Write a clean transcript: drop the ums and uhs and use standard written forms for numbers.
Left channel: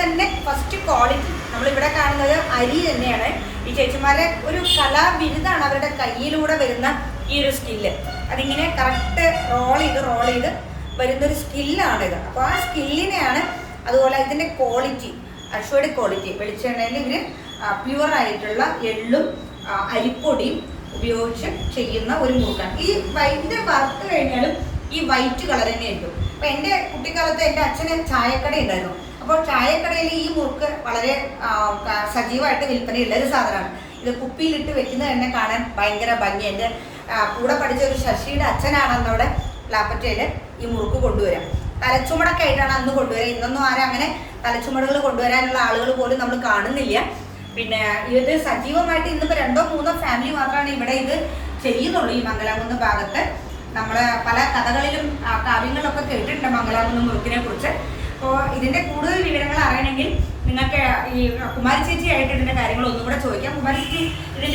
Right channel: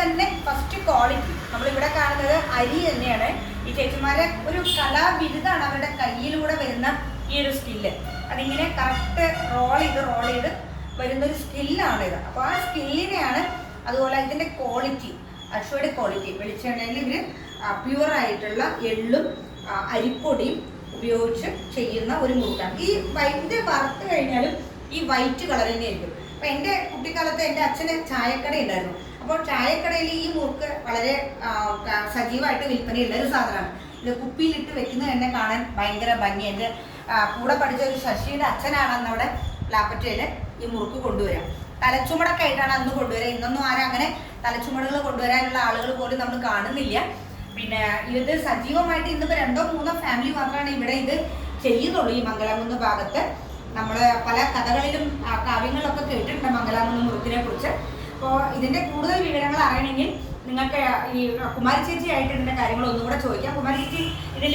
തന്നെ first quality നമ്മളിവിടെ കാണുന്നത് അരി തന്നെയാണ്. ഈ ചേച്ചിമാരെ ഒരു കലാബിരുദാണ് അവരുടെ കയ്യിലൂടെ വരുന്ന ഈ ഒരു സ്കില്ല്. അതിങ്ങനെ കറക്റ്റ് റോൾ ചെയ്ത് വരുന്നൊരു സ്കില്ലാണിത്. അപ്പോൾ ആ സ്കില്ലിനെയാണ്, അതുപോലെ ഇതിൻ്റെ ക്വാളിറ്റി, അഷ്വയുടെ ക്വാളിറ്റി, വെളിച്ചെണ്ണയിൽ ഇവർ പ്യുവർ ആയിട്ടുള്ള എള്ളും അരിപ്പൊടിയും ഉപയോഗിച്ച് ചെയ്യുന്ന ഒരു മുറുക്കാണ്. ഈ ഇത് വറുത്ത് കഴിഞ്ഞാലും ഈ വൈറ്റ് കളർ തന്നെയായിരിക്കും. അപ്പോൾ എൻ്റെ കുട്ടിക്കാലത്ത് എൻ്റെ അച്ഛന് ചായക്കട ഉണ്ടായിരുന്നു. അപ്പോൾ ചായക്കടയിൽ ഈ മുറുക്ക് വളരെ സജീവമായിട്ട് വിൽപ്പനയുള്ള ഒരു സാധനമാണ്. ഇത് കുപ്പിയിലിട്ട് വെക്കുന്നത് തന്നെ കാണാൻ ഭയങ്കര ഭംഗി. എൻ്റെ കൂടെ പഠിച്ച ഒരു ശശിയുടെ അച്ഛനാണ് അന്നവിടെ ലാപ്പറ്റയിൽ ഈ മുറുക്ക് കൊണ്ടുവരാം. തലച്ചുമടൊക്കെ ആയിട്ടാണ് അന്ന് കൊണ്ടുവരിക. ഇന്നൊന്നും ആരും അങ്ങനെ തലച്ചുമടുകൾ കൊണ്ടുവരാനുള്ള ആളുകൾ പോലും നമ്മൾ കാണുന്നില്ല. പിന്നെ ഇത് സജീവമായിട്ട് ഇന്നിപ്പോൾ 2-3 ഫാമിലി മാത്രമാണ് ഇവിടെ ഇത് ചെയ്യുന്നുള്ളൂ. ഈ മംഗലാംകുന്ന് ഭാഗത്ത് നമ്മൾ പല കഥകളിലും കാവ്യങ്ങളിലൊക്കെ കേട്ടിട്ടുണ്ട് മംഗലാംകുന്ന് മുറുക്കിനെ കുറിച്ച്. അപ്പോൾ ഇതിൻ്റെ കൂടുതൽ വിവരങ്ങൾ അറിയണമെങ്കിൽ നിങ്ങൾക്ക് ഈ കുമാരി ചേച്ചി ആയിട്ട് ഇതിൻ്റെ കാര്യങ്ങൾ ഒന്നും കൂടെ ചോദിക്കാം. കുമാരി ചേച്ചി ഇതിൻ്റെ